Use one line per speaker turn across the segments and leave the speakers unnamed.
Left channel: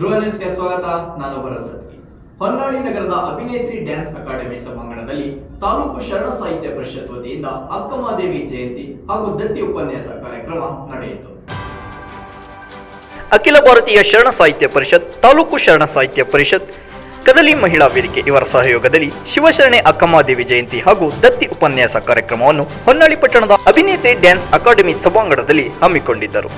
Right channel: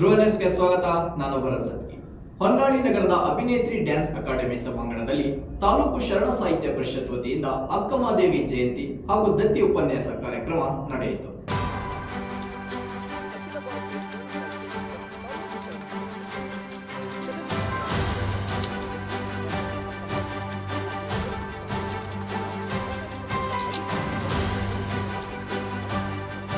ನ್ಯೂಸ್ಗೆ ಸ್ವಾಗತ ನಾನು ಭರಸತ್ಗಿ ಸತ್ಗಿ ಹೊನ್ನಾಳಿ ನಗರದ ಅಭಿನೇತ್ರಿ ಡ್ಯಾನ್ಸ್ ಅಕಾಡೆಮಿ ಸಭಾಂಗಣದಲ್ಲಿ ತಾಲೂಕು ಶರಣ ಸಾಹಿತ್ಯ ಪರಿಷತ್ ವತಿಯಿಂದ ಅಕ್ಕಮಾದೇವಿ ಜಯಂತಿ ಹಾಗೂ ದತ್ತಿ ಉಪನ್ಯಾಸ ಕಾರ್ಯಕ್ರಮ ನಡೆಯಿತು.
ಅಖಿಲ ಭಾರತೀಯ ಶರಣ ಸಾಹಿತ್ಯ ಪರಿಷತ್, ತಾಲೂಕು ಶರಣ ಸಾಹಿತ್ಯ ಪರಿಷತ್, ಕದಲಿ ಮಹಿಳಾ ವೇದಿಕೆ ಇವರ ಸಹಯೋಗದಲ್ಲಿ ಶಿವಶರಣೆ ಅಕ್ಕಮಾದೇವಿ ಜಯಂತಿ ಹಾಗೂ ದತ್ತಿ ಉಪನ್ಯಾಸ ಕಾರ್ಯಕ್ರಮವನ್ನು ಹೊನ್ನಾಳಿ ಪಟ್ಟಣದ ಅಭಿನೇತ್ರಿ ಡ್ಯಾನ್ಸ್ ಅಕಾಡೆಮಿ ಸಭಾಂಗಣದಲ್ಲಿ ಹಮ್ಮಿಕೊಂಡಿದ್ದರು.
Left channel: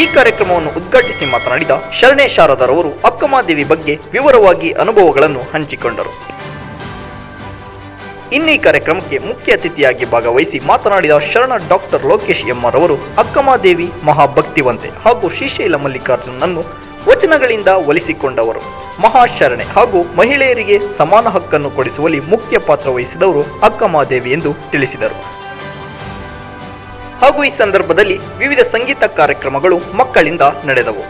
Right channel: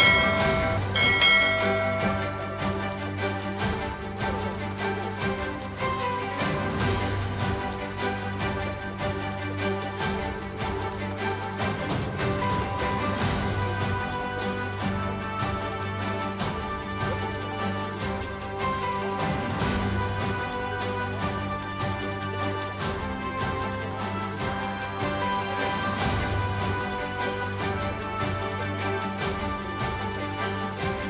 ಈ ಕಾರ್ಯಕ್ರಮವನ್ನು ಉದ್ಘಾಟಿಸಿ ಮಾತನಾಡಿದ ಶರಣೆ ಶಾರದರವರು ಅಕ್ಕಮಾದೇವಿ ಬಗ್ಗೆ ವಿವರವಾಗಿ ಅನುಭವಗಳನ್ನು ಹಂಚಿಕೊಂಡರು. ಇನ್ನೀ ಕಾರ್ಯಕ್ರಮಕ್ಕೆ ಮುಖ್ಯ ಅತಿಥಿಯಾಗಿ ಭಾಗವಹಿಸಿ ಮಾತನಾಡಿದ ಶರಣ ಡಾಕ್ಟರ್ ಲೋಕೇಶ್ ಎಮ್ಮರವರು ಅಕ್ಕಮಾದೇವಿ ಮಹಾಭಕ್ತಿವಂತೆ ಹಾಗೂ ಶ್ರೀಶೈಲ ಮಲ್ಲಿಕಾರ್ಜುನನ್ನು ವಚನಗಳಿಂದ ಒಲಿಸಿಕೊಂಡವರು. ಮಹಾಶರಣೆ ಹಾಗೂ ಮಹಿಳೆಯರಿಗೆ ಸಮಾನ ಹಕ್ಕನ್ನು ಕೊಡಿಸುವಲ್ಲಿ ಮುಖ್ಯ ಪಾತ್ರ ವಹಿಸಿದವರು ಅಕ್ಕಮಾದೇವಿ ಎಂದು ತಿಳಿಸಿದರು. ಹಾಗೂ ಈ ಸಂದರ್ಭದಲ್ಲಿ ವಿವಿಧ ಸಂಗೀತ ಕಾರ್ಯಕ್ರಮಗಳು ಮಕ್ಕಳಿಂದ ನಡೆದವು.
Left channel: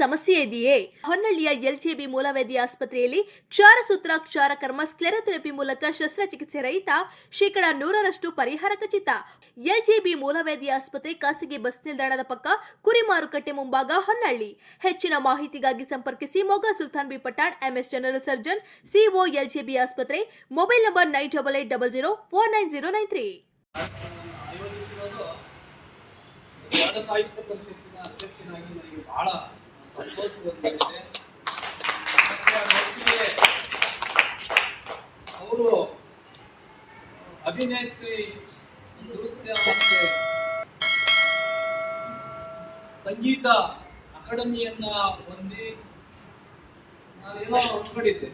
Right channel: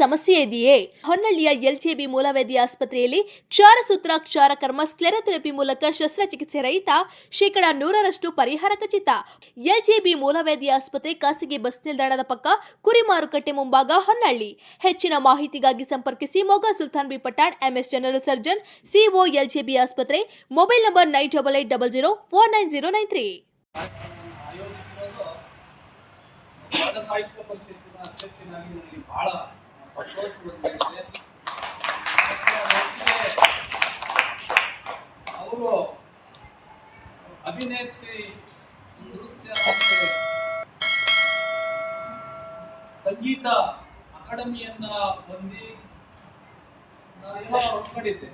ಸಮಸ್ಯೆ ಇದೆಯೇ ಹೊನ್ನಳ್ಳಿಯ ಎಲ್ಜೆಬಿ ಮೂಲವೇದಿ ಆಸ್ಪತ್ರೆಯಲ್ಲಿ ಕ್ಷಾರಸೂತ್ರ ಕ್ಷಾರಕರ್ಮ, ಸ್ಕ್ಲೆರೋಥೆರಪಿ ಮೂಲಕ ಶಸ್ತ್ರಚಿಕಿತ್ಸೆ ರಹಿತ ಶೇಕಡ ನೂರರಷ್ಟು ಪರಿಹಾರ ಖಚಿತ. ಎಲ್ಜೆಬಿ ಮೂಲವೇದಿ ಆಸ್ಪತ್ರೆ ಖಾಸಗಿ ಬಸ್ ನಿಲ್ದಾಣದ ಪಕ್ಕ ಕುರಿ ಮಾರುಕಟ್ಟೆ ಮುಂಭಾಗ ಹೊನ್ನಳ್ಳಿ. ಹೆಚ್ಚಿನ ಮಾಹಿತಿಗಾಗಿ ಸಂಪರ್ಕಿಸಿ Moga Sultan B Pathan, MS general surgeon, CO LJB ಆಸ್ಪತ್ರೆ, mobile number nine double eight double zero four nine zero nine three.
ಸಾಹಿತ್ಯ ಪರಿಷತ್ತಿನ ಅಧ್ಯಕ್ಷನಾಗಿ ನನಗೆ ಬಹಳ ಸಂಗೀತ ಅಕಾಡೆಮಿಯನ್ನ ಹೊಂದಿ ನಾನೇನೋ ಒಂದ್ಕೊಂಡಿದ್ದೆ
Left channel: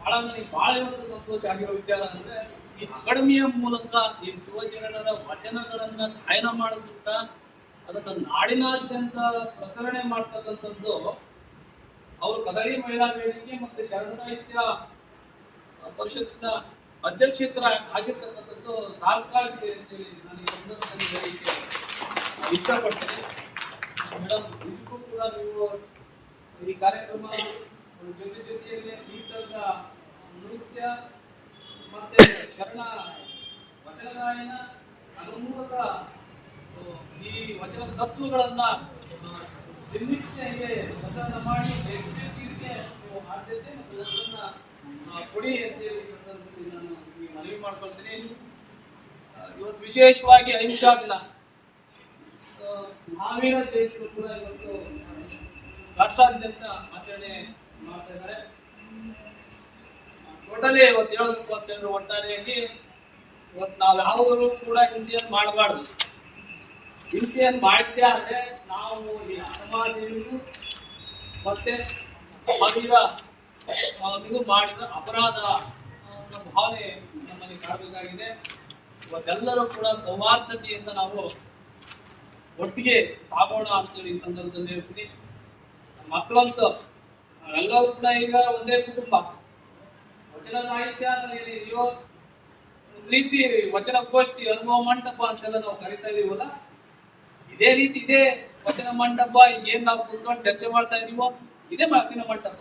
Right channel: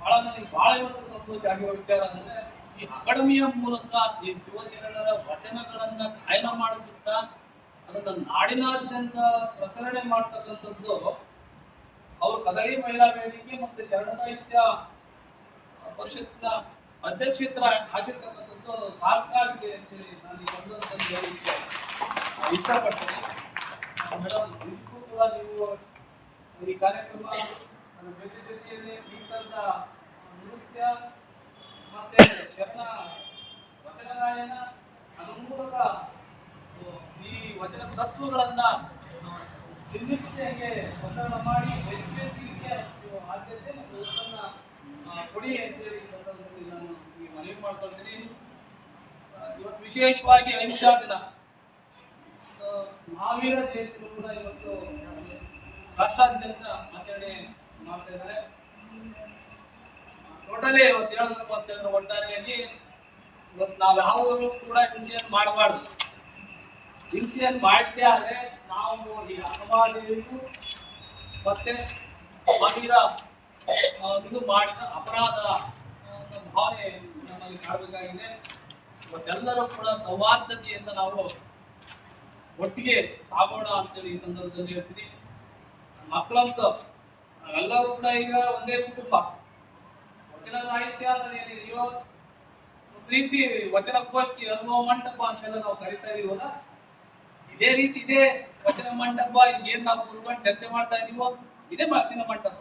ಬಹಳ ನನಗೆ ಬಹಳ ಇವತ್ತು ಸಂತೋಷ ಆಗಿರೋ ವಿಚಾರ ಅಂದ್ರೆ ಈ ಅಕಾಡೆಮಿಯ ಮೂಲಕ ಈ ಶಿವಚರಣರ ವಚನಗಳನ್ನ ಗಾಯನ ಮಾಡಿಸುತ್ತಾ ಅದನ್ನ ನಾಡಿನಾದ್ಯಂತ ಪ್ರಸರಣೆ ಮಾಡ್ತಕ್ಕಂಥದ್ದು ಅವರು ಕದರಿ ಮಹಿಳಾ ವೇದಿಕೆ ಮತ್ತೆ ಶರಣ ಸಾಹಿತ್ಯ ಪರಿಷತ್ನ ಅಧ್ಯಕ್ಷರ ಆಗಿರ್ತಕ್ಕಂಥದ್ದು ಅಂತ ಹೇಳಿ ನಾನು ಈ ಸಂದರ್ಭದಲ್ಲಿ ಹೇಳಿಕೆ ಇಷ್ಟಪಡ್ತೇನೆ. ಮೇಡಮ್, ಇದಕ್ಕೂ ಕೂಡ ನೀವು ಈ ಕಾರ್ಯಕ್ರಮ ಜೊತೆ ಜೊತೆಯಲ್ಲಿ ಈ ತರದ ನೃತ್ಯ ಮತ್ತೆ ಶರಣ ವಚನ ಗಾಯನ ಅದರ ಮೂಲಕ ವಚನ ತತ್ವಗಳನ್ನ ದಿನನಿತ್ಯಗೆ ಪ್ರಚಾರ ಮಾಡಿ ಆದ್ಯತೆ ಮತ್ತು ಹೆಸರನ್ನ ಕೊಡಿ ಅಂತೇಳಿ ಸಂದರ್ಭದಲ್ಲಿ ನಾನು ಈ ಮನವಿ ಮಾಡ್ಕೊಳ್ತೀನಿ. ಇವತ್ತು ವಿಶೇಷವಾಗಿ ಅಹಿಂಸಾ ದಿನ. ಮಹಾವೀರ ಜಯಂತಿ ಕೂಡ ಇವತ್ತು ರಾಷ್ಟ್ರಾದ್ಯಂತ ಆಚರಣೆ ಮಾಡ್ತಾ ಇದ್ದಾರೆ. ಟೋಟಲಿ ಇವತ್ತು ಹೇಳಬೇಕು ಅಂತ ಒಟ್ಟಾರೆಯಲ್ಲಿ ಇವತ್ತು ನಾವು ಯಾವುದನ್ನು ಕೂಡ ಹಿಂಸೆಯನ್ನು ಮಾಡಬಾರ್ದು. ಹಿಂಸೆಯನ್ನು ಮಾಡಿದ್ದೇ ಆದರೆ ನಾವು ಈ ಅನುಮಾನಿಗೂ ಮತ್ತೆ ಮಹಿರ ಇದು ಮಾಡಿದ ಅಪರಾಧ ಭಾವನೆ ನಮ್ಮಲ್ಲಿ ಕಾಡಬೇಕಾಗಿದೆ ಇವತ್ತೆಲ್ಲರೂ ಕೂಡ ಸೌಹಾರ್ದತೆಯಿಂದ ನಾವು ಒಟ್ಟಿಗೆ ಸಾಗೋಣ ಅಂತೇಳಿ ಈ ಸಂದರ್ಭದಲ್ಲಿ ಹೇಳ್ತೀನಿ. ಮಕ್ಕಳಂತೂ ನಾವೆಲ್ಲರೂ ಕೂಡ ಈಗ ಒಂದೇ ಕುಟುಂಬ. ವಚನ ಸಾಹಿತ್ಯ ಅನ್ನೋದೇನು ಏನಿದೆಯೋ ಒಂದು ರೀತಿ ವಚನಗೋಷ್ಠಿ ಅನುಭವ ಮಂಟಪ ಅಂತೆಲ್ಲ ನಾವು ಕರಿತಾ ಇದೀವಲ್ಲ? ಇದೇ ರೀತಿ ಇದೇ. ವಚನ ಮಂಟಪ ಏನ್ ನಾವು ಕುತ್ಕೊಂಡು ಚರ್ಚೆ ಮಾಡ್ತಾ ಇದೀವೋ, ಇದೇ ವಚನ ಮಂಟಪ.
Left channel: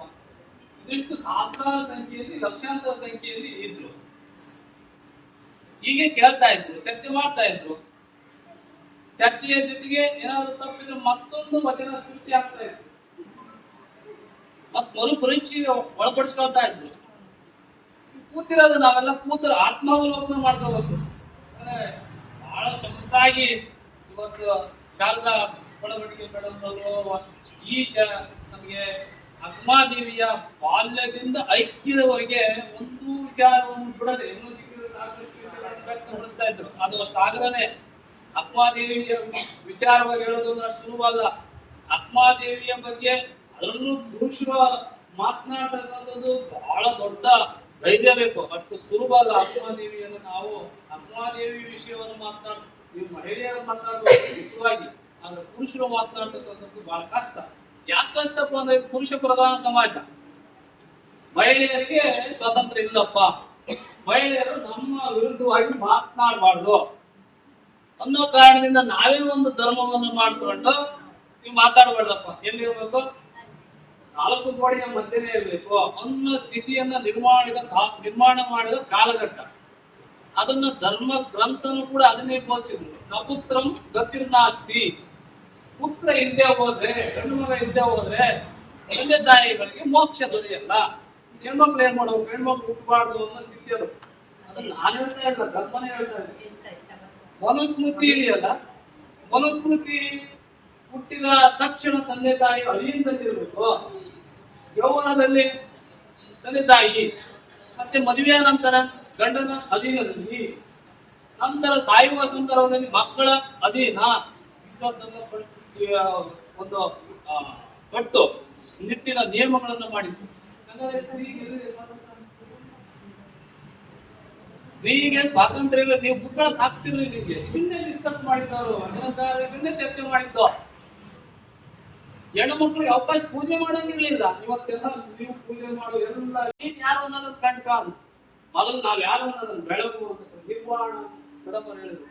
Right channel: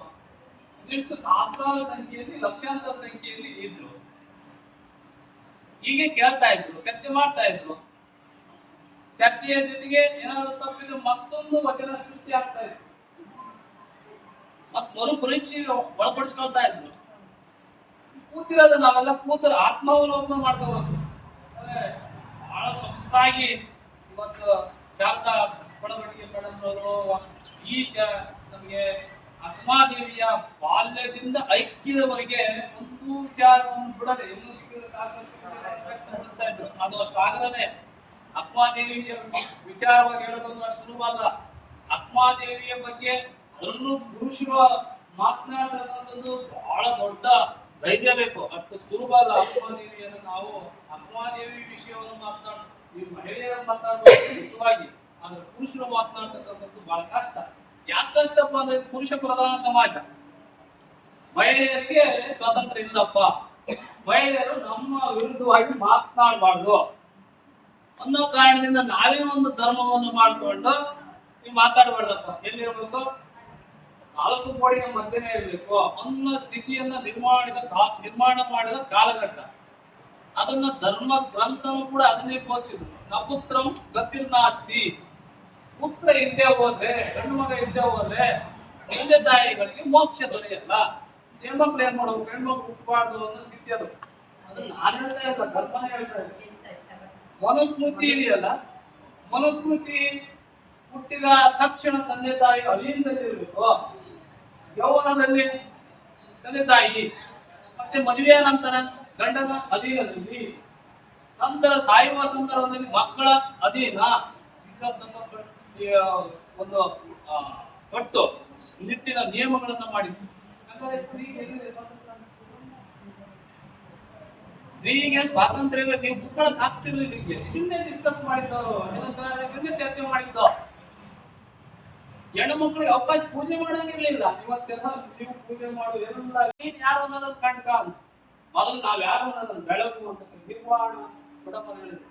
ಇದಿಷ್ಟು ಸಹಸ್ರಾರು ಸಂಖ್ಯೆಯಲ್ಲಿ, ಲಕ್ಷಾಂತರ ಸಂಖ್ಯೆಯಲ್ಲಿ ಇದ್ರು. ಹೀಗೆ ಕೇಳ್ತಾ ಇದ್ರು, ಚರ್ಚೆ ಮಾಡ್ತಾ ಇದ್ರು. ಚರ್ಚೆಯ ಜೊತೆಗೆ ಏನಾದ್ರು ತಪ್ಪಿದ್ರೆ ಮತ್ತೊಂದು ವಚನ ಸೃಷ್ಟಿ ಆಗ್ತಾ ಇತ್ತು. ಮತ್ ಮರು ಪರೀಕ್ಷೆ ಒಳಪಡಿಸ್ಕೊಳ್ತಾ ಇದ್ರು. ಕೂತಿರೋದು ನಾವೆಲ್ಲ ಕೂತರ ಆತ್ಮಾವಲೋಕನ ಮಾಡ್ಕೋಬೇಕು. ಬಹಳ ಸೊಗಸಾಗಿ ಇವತ್ತು ಶಾರದಾ ಬೆಳವಣಿಗೆ ಕಡಲವರು ಈಶ ನಮಗೆ ಆತ್ಮಾದೇವಿಯ ಬಾಲ್ಯದಿಂದ ಐಕ್ಯದವರೆಗೆ ಒಂದು ವಿಚಾರವನ್ನು ಬಿಡದೆ ಇನ್ನೂ ಸಿಕ್ಕಿದ ವ್ಯಕ್ತಪಡಿಸ್ತಾ ಇದ್ರು. ಅದು ಸಾಗರನೇ ಅಕ್ಮಾದೇವಿಯ ವಿಚಾರವಾಗಿ ಹೇಳೋದು ಅಷ್ಟು ಸುಲಭ ಅಲ್ಲ. ಅಕ್ಮಾದೇವಿಯ ಬಗ್ಗೆ ಅದರಲ್ಲೂ ಪುರುಷರು ಮಾತನಾಡತಕ್ಕಂಥದ್ದು ಬಹಳ ದೊಡ್ಡ ಧೈರ್ಯ ಬೇಕು. ಅಷ್ಟು ಸುಲಭ ಅಲ್ಲ ಅಕ್ಮಾದೇವಿಯನ್ನು ನಾವು ಅಕ್ಮಾದೇವಿ ವಿಷಯವನ್ನು ಮಾತನಾಡ ಈ ಮಹಿಳೆಯರು ಮುಖ್ಯವಾಗಿ ಆದ್ರೆ ಪುರುಷರು ಮಾತನಾಡ್ತಕ್ಕಂಥದ್ದು ಬಹಳ ಕಷ್ಟ. ಯಾಕೆ ಕಷ್ಟಪ್ಪ ಅಂದ್ರೆ ಪುರುಷ ಪ್ರಧಾನ ಸಮಾಜ. ಮಹಿಳೆಯರಿಗೆ ಸ್ವಾತಂತ್ರ್ಯ ಇಲ್ಲಪ್ಪ. ಮಹಿಳೆಯರು ನಮ್ಮ ವಿರುದ್ಧವಾಗಿ ಮಾತನಾಡಬಾರ್ದು. ಅನ್ನೋ ಕಾರಣದಿಂದ ನಾವೇ ಒಂದು ಧರ್ಮವನ್ನು ಮಾಡಿಕೊಂಡು ನೀವು ಮಾತಾಡಬಾರ್ದಪ್ಪ. ಎಲ್ಲಿರ್ಬೇಕು? ನಾಲ್ಕು ಕೋಡಿಯ ಮಧ್ಯನೇ ಇರಬೇಕು. ಅನ್ನೋ ಸ್ಥಿತಿಯನ್ನ ನಿರ್ಮಾಣಿದ ನಿರ್ಮಾಣ ಮಾಡಿದ ಕಾಲಘಟ್ಟ. ಅದನ್ನ ಧರ್ಮ ಗ್ರಂಥನು ಕೂಡ ಅದನ್ನೇ ಬೋಧಿಸಿದ್ರು ನಪುತ್ರಂ ಗತಿರ್ನಾಸ್ತಿ ಪುತ್ರ ಇಲ್ಲದೆ ಹೋದ್ರೆ, ಗಂಡು ಮಗ ಇಲ್ಲದೆ ಹೋದ್ರೆ ತಂದೆ ತಾಯಿಗಳಿಗೆ ಮೋಕ್ಷ ದೊರೆಯಲ್ಲ. ಹೆಣ್ಮಕ್ಳು ಏನ್ ಮಾಡ್ಬೇಕು ಹೆಣ್ಮಕ್ಳು ಹುಟ್ಟಬಾರ್ದು ಅನ್ನೋ ಸ್ಥಿತಿ ಅದು. ಅದನ್ನ ನಾನು ಹೇಳ್ತಾ ಇಲ್ಲ, ಕಲ್ಪನೆ ಹೇಳ್ತಾ ಇದ್ದೀನಿ ಮನುಸ್ಮೃತಿ ಇದೆಯಲ್ಲ, ಮನುಸ್ಮೃತಿ ಹುಟ್ಟಿದ ತಕ್ಷಣ ತಂದೆ ತಾಯಿ ಅಲಿಯಿಂದಲ್ಲಿರ್ಬೇಕು ಯೌವನದಲ್ಲಿ ತಂದೆ ತಾಯಿ. ಮತ್ತೆ ಮದುವೆಯ ನಂತರ? ಗಂಡನ ಅಧೀನದಲ್ಲಿ ನಂತರ ಸಾಯುವ ಸಂದರ್ಭದಲ್ಲಿ ಮಕ್ಕಳ ಅಧೀನ. ಒಂದು ಪಟ್ಟು, ನಿಟ್ಟಿನ ನಿಯಮಗಳನ್ನು ಮಾಡಿದ್ರು ಸ್ತ್ರೀಗೆ ಸ್ವಾತಂತ್ರ್ಯ? ಇಲ್ಲ ನೀವು ಕೂತ್ಕೊಳಕ್ ಆಗ್ತಿರ್ಲಿಲ್ಲ ನಿಮಗೆ. ಇದನ್ನೇ ಡಿಸ್ಕಸ್ ಮಾಡಿದ್ದವರು ಹಿಂದೆ ಚರ್ಚೆ ಮಾಡಿದ್ದು. ಹೆಣ್ಣು ಮಕ್ಕಳು ಅವಕಾಶ ಪೂಜೆ ಮಾಡಂಗಿರ್ಲಿಲ್ಲ. ಇವತ್ತೆಲ್ಲ ನೀವು ಪೂಜೆ ಮಾಡು ಎಲ್ಲ ನೀನ್ ಯಾರು ಅನ್ನೋದನ್ನ ಕಂಡ್ಕ. ಮೊದಲು ನಾವು ಯಾರು ಅನ್ನೋದನ್ನ ಬೆಳಕು ಅಂತ ನಿರ್ವಾಣ ಬಡವರು ಹೇಳಿದ್ರು.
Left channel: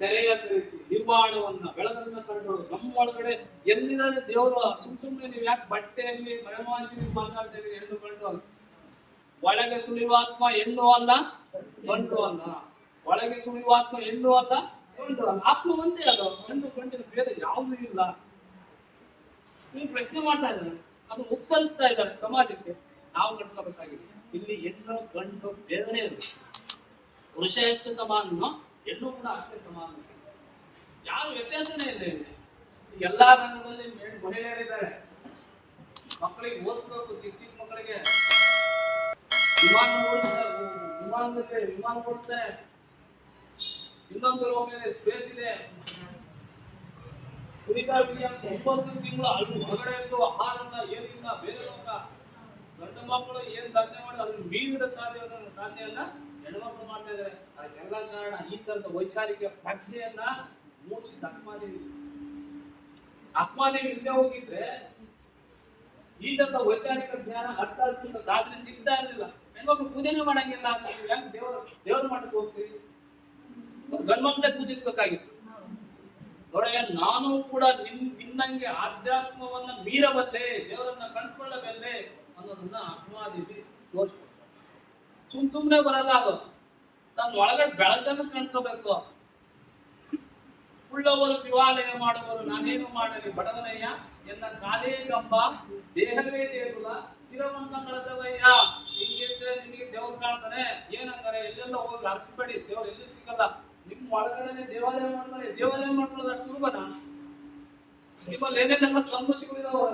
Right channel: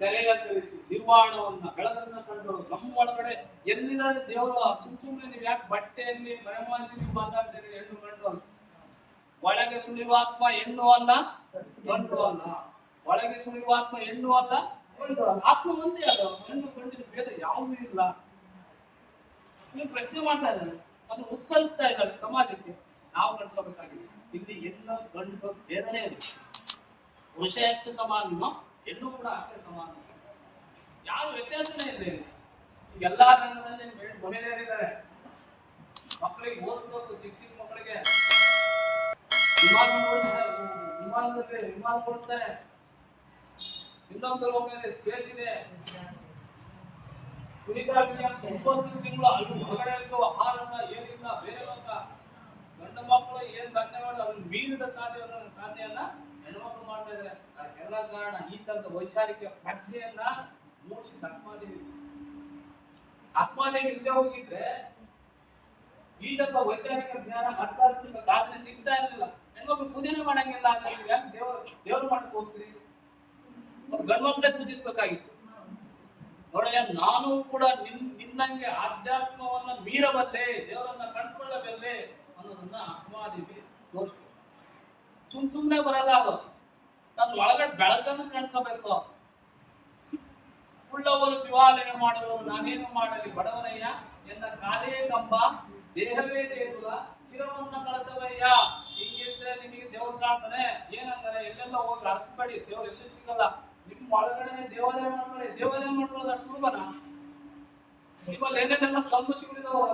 ತೆರೆಯ ಸರಿಸಿ, ನಿರ್ವಾಣವನ್ನ ಬೆಳಕನ್ನ ಕಂಡು ನಮ್ಮ ಒಳಗಡೆ ಎಲ್ಲಿದ್ದಾರೆ ದೇವರು? ಸುಮ್ ಸುಮ್ಮನೆ ನೀವು ಯಾಕೆ ಬಟ್ಟೆಯಲ್ಲಿ ಮರೆಮಾಚಿ ನೀವು ಮಾತಾಡ್ತೀರಿ ಹೆಣ್ಣು ಕಂಡು ಅಲ್ಲ ಒಳಗೆ ಸುಳಿವಾತ್ಮ ಹೆಣ್ಣು ಅಲ್ಲ ಗಂಡು ಅಲ್ಲ. ಒಳಗೆ ಸುಳಿವಾತ್ಮ ಹೆಣ್ಣು ಅಲ್ಲ ಗಂಡು ಅಲ್ಲ. ಆತ್ಮ ಒಂದೇ ಅದು. ಹೆಣ್ಣು, ಗಂಡಿನ ಭೇದ ಯಾವುದೂ ಇಲ್ಲ. ನೀವು ಪ್ರಶ್ನೆ ಮಾಡ್ತಾ ಇದ್ದಾರೆ. ಅದು ಉತ್ತರಿಸ್ತಾ ಇದ್ದಾರೆ ಸಮಾಜಕ್ಕೆ. ನಾವು ಕಟ್ಕೋಬೇಕಾಗಿದೆ ಇಲ್ಲಿ ಹೆಣ್ಣು, ಗಂಡು ಭೇದನೇ ಇರುತ್ತೆ ಪುರುಷ ಎಷ್ಟು ಸಮಾನನೋ ಹೆಣ್ಣು ಕೂಡ ಅಷ್ಟೇ ಸಮಾನ. ಯಾರು ವ್ಯತ್ಯಾಸನೇ ಇಲ್ಲ ಇಲ್ಲಿ. ಎಲ್ಲಾ ರಂಗದಲ್ಲಿ ಮಹಿಳೆಯರಿದ್ದಾರೆ. ಮಕ್ಕಳಿಗೆ ಓದಿಸ್ಬೇಕು, ಚಿಕ್ಕ ಚಿಕ್ಕ ಮಕ್ಕಳಿಗೆ. ವಿಮಾನ ಓಡಿಸ್ತಾರೆ, ವಿಮಾನದಲ್ಲಿ ವಿಮಾನ ಓಡಿಸ್ತಾರೆ. ಇನ್ನೊಂದು ಸ್ಪೇಸ್ ಇದೆ ವಿನ್ಯಾಸ ಒಂಬತ್ತು ತಿಂಗಳು ಅಲ್ಲಿ ಹೊರಗಡೆ ಇದ್ದು ಆಹಾರನ, ಏನಿಲ್ಲ, ಬೇರೆ ಲೋಕ ಗಂಡು ಮಕ್ಕಳು ಏನ್ ಸಾಧನೆ ಮಾಡೋದು ಅದನ್ನ ಮೀರಿದ ಸಾಧ್ಯ ಸಾಧನೆಯನ್ನ ಹೆಣ್ಮಕ್ಳು ಮಾಡ್ತಾ ಇದಾರೆ. ಅದಕ್ಕೆಲ್ಲ ಕಾರಣ ಈ ತರದ ವೈಚಾರಿಕ ಪ್ರಜ್ಞೆಯನ್ನ ಮೂಡಿಸಿದ ಅಕ್ಮಾದೇವಿ ಅಕ್ಮಾದೇವಿ ಇಲ್ಲದೆ ಹೋಗಿದ್ರೆ ಈ ತರದ ವೈಚಾರಿಕ ಜ್ಞಾನ ಅರ್ಥಾತ್ಮಕ ಸಾಧನೆ ಸಿಗ್ತಾ ಇರಲಿಲ್ಲ. ಹೆಣ್ಮಕ್ಳು ಪೂಜೆನೇ ಮಾಡಂಗಿಲ್ಲ ಅಂದ್ರೆ ಯಾಕೆ ದೇವ್ರ ದೇವ್ರ ಮಠಕ್ಕೆ ಹೋಗ್ತೀರಿ? ಮತ್ತೆ ಗಂಡು ಮಕ್ಕಳೇ ಪೂಜಿಸ್ಬೇಕಾಗಿತ್ತು. ನೋಡಯ್ಯ, ನಾನು ಕೂಡ ನಿನ್, ನಿನ್ನಂಗೆ ಆಧ್ಯಾತ್ಮವನ್ನ ಮೀರಬಲ್ಲೆ, ದೇವರನ್ನ ಕಂಡುಕೊಳ್ಳಬಲ್ಲೆ ಅನ್ನೋದನ್ನ ಅಕ್ಮಾದೇವಿ ತೋರಿಸ್ಬೇಕು. ಸುಮ್ ಸುಮ್ನೆ ಬರಲ್ಲ ಅದು. ತನ್ನ ಒಳಗೆ ಬೆಳಕನ್ನು ಕಂಡ್ಕೋಬೇಕು ಉಳ್ಳವರು ಶಿವಾಲಯ ಮಾಡುವರು ನಾನೇನು ಮಾಡಲಿ, ಬಡವನಯ್ಯ, ಎನ್ನ ಕಾಲೇ ಕಂಬ, ದೇಹವೇ ದೇಗುಲ, ಶಿರವನ್ನ ಕಳಸವಯ್ಯ. ಹಿಂಗಿದ್ರೆ ನಿಮಗೆ ದೇವ್ರು ಕಾಣ್ತಾನೆ. ಏನಂತಾರೆ ಎಲ್ಲೆಲ್ಲ ಹೋಗಿ ಅರಸಬೇಡಿ, ದೇವ್ರು ಎಲ್ಲಿ ಸಿಗಲ್ಲ. ನಿಮ್ ಒಳಗಡೆ ದೇವಾಲಯ ಮಾಡ್ಕೊಳ್ಳಿ. ದೇವಾಲಯ ಮಾಡ್ಕೊಳ್ಳೋದು ಸುಲಭನಾ? ನಿಮ್ಮಲ್ಲಿ ಏನೇನೆಲ್ಲ ಕಂಬ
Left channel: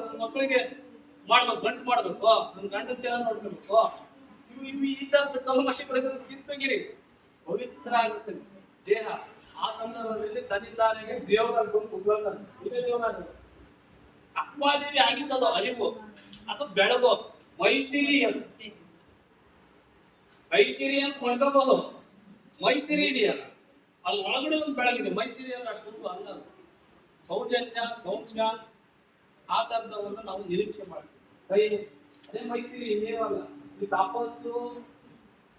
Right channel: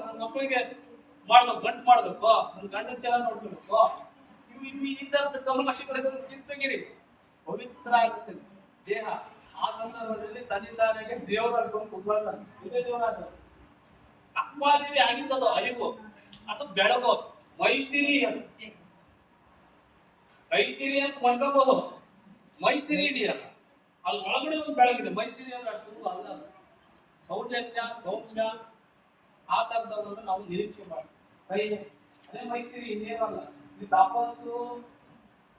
ನನ್ನ ಮಕ್ಕಳಿಗೆ ಮಾಡ್ಬೇಕು ಗಂಟು ಮಾಡ್ಬೇಕು ನನ್ನ ಗಂಡನ ಚೆನ್ನಾಗಿ ನೋಡ್ಕೋಬೇಕು. ಇವು ಇವು ಈ ತರದ ಕಲ್ಮಶಗಳಿದ್ರೆ ಕಿತ್ತಗಿರಿ ಪವಿತ್ರ ಆಗುತ್ತೆ. ದೇಹ, ಆ ಸಂದರ್ಭದಲ್ಲಿ ತನ್ನಿಂದಾನೆ ದೇವರ ಗುಂಪು ಇದೇ ದೇವರಾಗ ಅಕ್ವಾದೇವಿ ಆಗಿದ್ದದು ಅಳಿವು, ಅದು ಬೆಳಗೋ, ಮೈಸಿರಿ ಅಂತ ಮೈಸಿರಿ ಅಂತ ಕೊಂಡ್ಕೋಬಹುದು ಮೈಸಿರಿ ಇದೆಯಲ್ಲ ಅದು ಒಳಗಡೆ ಒಂದು ಬೆಳಗಿದೆ. ಮೈಸಿರಿ ಅಂದ್ರೆ ಅಷ್ಟು ಅಲ್ಲ. ಸೌಜನ್ಯ, ಸೌಮ್ಯ, ಆ ತರದವನ್ನು ನಾವು ನಿರೀಕ್ಷೆ ಮಾಡ್ತೀವಿ. ಅದೇ ಮೈಸೂರು ಇನ್ನೇನಲ್ಲ ನೀವು ತಾಪಸ್ಸು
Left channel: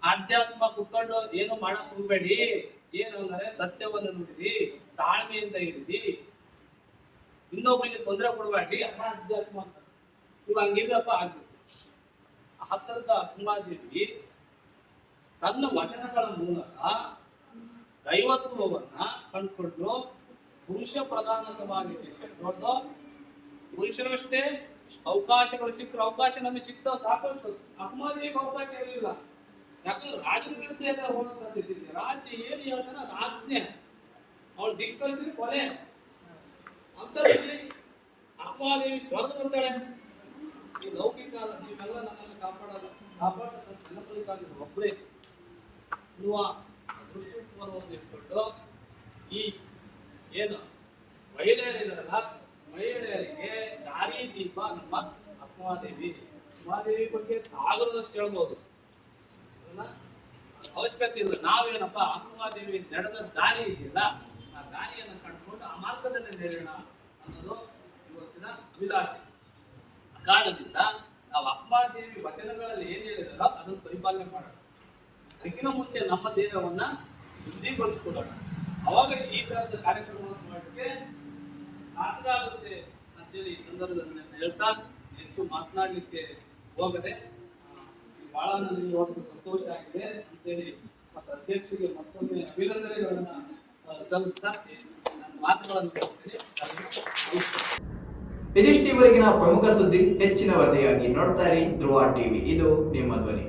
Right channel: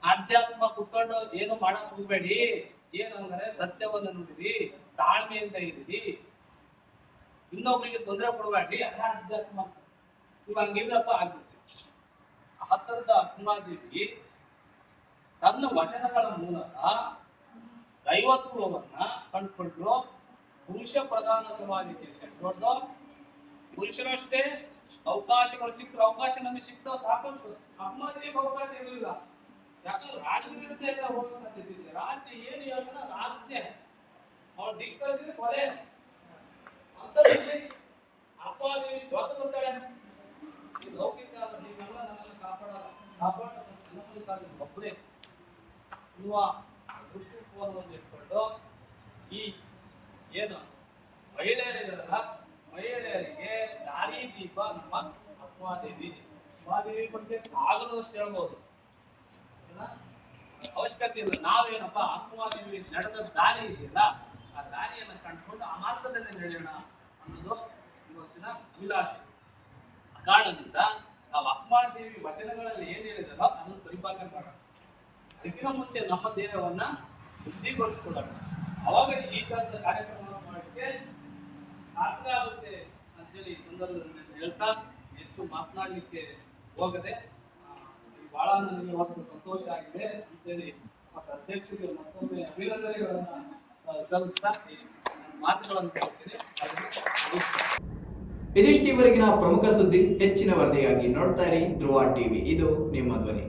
ಆಧ್ಯಾತ್ಮ ಕುತ್ಕೊಂಡು ಏನು ಮಾಡಕ್ ಹೋಗ್ಬೇಡಿ. ಏನಂದ್ರೆ ಸತ್ಯವನ್ನು ನೋಡಿರಿ ತಾಳ್ಮೆಯಿಂದ ಇರಿರಿ ಇನ್ನೊಬ್ರಿಗೆ ತೊಂದರೆ ಕೊಡಬೇಡಿ, ಅದ ಅಧ್ಯಾತ್ಮ ಅಂತ ಇವಾಗ ಹಂಗಿರಪ್ಪ ಆಗ್ಬಿಡ್ತೀವಿ ಹತ್ತಿರದ ಅಕ್ಕಮಾದೇವಿ ತನ್ನ ವಚನಗಳ ಮೂಲಕ ದೈವತ್ವವನ್ನ ಕಂಡುಕೊಂಡು ಪುರುಷ ಪ್ರಧಾನ ಸೇರ್ಕೊಂಡು ಪುರುಷರಷ್ಟೇ ಅವಕಾಶಗಳು ಸಿಕ್ಕರು ಅವಕಾಶ ನಮಗೆ ಸಿಗ್ತಾವ ಸಾಕಷ್ಟು ಅಮ್ಮನಿಗೆ ಅವಕಾಶ ಇರಲಿಲ್ಲ. ಯಾಕಂದ್ರೆ ರಾಜ್ಯದ ವಿರುದ್ಧ ಎಲ್ಲ ಹೋಗೋ ಸಾಧ್ಯತೆ ಇದೆ ರಾಜ್ಯ ಏನು ಅದು ಆಜ್ಞೆ. ಅವಳು ದಿಕ್ತರಿಸಿದ ಕೊಲೆ. ಅಂತದ್ರಲ್ಲಿ ಅಪ್ಪಾದೇವಿ ತೊರೆದು ಬರ್ತಾಳೆ ಈ ಲೌಕಿಕ ನೀವೆಲ್ಲ ನನ್ನನ್ನು ಕಾಪಾಡಲ್ಲ. ಕಾಪಾಡೋದು ನೆನಪದಕ್ಕಾಗಿ ಒಬ್ಬರೇ ಅನ್ನುವ ದೃಷ್ಟಿಕೋನವನ್ನು ಇಟ್ಕೊಂಡು ಈ ಏನು ಮಹಿಳೆಯರಿದಾರಲ್ಲ ಮಹಿಳೆಯರಿಗೆ ದಾರಿ ದೀಪ ನಮ್ಮ ಅಕ್ಮಾದೇವಿ ಅಕ್ಕಮಾದೇವಿ ಬಗ್ಗೆ ಸಾಗರದಷ್ಟು ಹೇಳ್ಬೋದು? ಅವಶ್ಯಕತೆ ಇಲ್ಲ. ನಾವೇನಪ್ಪ ಅಕ್ಮಾದೇವಿ ನಡೆದ ದಾರಿ ಇದೆಯಲ್ಲ, ಆ ದಾರಿಯನ್ನು ಕಂಡುಕೊಂಡು ಆ ಮಾರ್ಗದಲ್ಲಿ ನಡೆಯೋಣ ಅನ್ನೋದು ಇವತ್ತಿನ ಅಭಿಲಾಷೆ. ಆ ಕಾರಣದಿಂದ ನಾವು ಅಕ್ಕಮಾದೇವಿ ವಚನಗಳಲ್ಲಿ ಏನ್ ಹೇಳಿದಾರೋ ಅದನ್ನು ಪರಿಪಾಲನೆ ಮಾಡೋಣ. ಅದಕ್ಕಿಂತ ಮುಂಚೆ ನಮ್ಮ ದೇಹವನ್ನ ಶುದ್ಧಿಗೊಳಿಸ್ಕೊಡೋಣ ಅವಾಗ ಈ ತರದ ಕಾರ್ಯಕ್ರಮವನ್ನು ಮಾಡಲಿಕ್ಕೆ ಸಾರ್ಥಕ ಆಗುತ್ತೆ ಅಂತೇಳಿ ಈ ಸಂದರ್ಭದಲ್ಲಿ ಹೇಳ್ತಾ ಹೆಚ್ಚು ಮಾತನಾಡಲಿಕ್ಕೆ ಹೋಗದೆ ಬಹಳ ನನಗೆ ಇವತ್ತು ಸಂತೋಷ ಆಗಿದೆ ಅಂತೇಳಿ ಮತ್ತು ಅಧ್ಯಕ್ಷರಿಗೆ ಮತ್ತೊಮ್ಮೆ ಅಭಿನಂದನೆಗಳನ್ನ ಸಲ್ಲಿಸ್ತಾ ನನ್ನ ಮಾತುಗಳನ್ನು ಕೊಡ್ತೀನಿ
ಇದಿಷ್ಟು ಇವರೆಗಿನ ಪ್ರಮುಖ ಸುದ್ದಿ ಹೆಚ್ಚಿನ ವರದಿಯಾಗಿ ನೋಡ್ತಾ ಇರಿ. ಧ್ರುವ ಟಿವಿ. ಇದು ನಿಮ್ಮ ಧ್ವನಿ.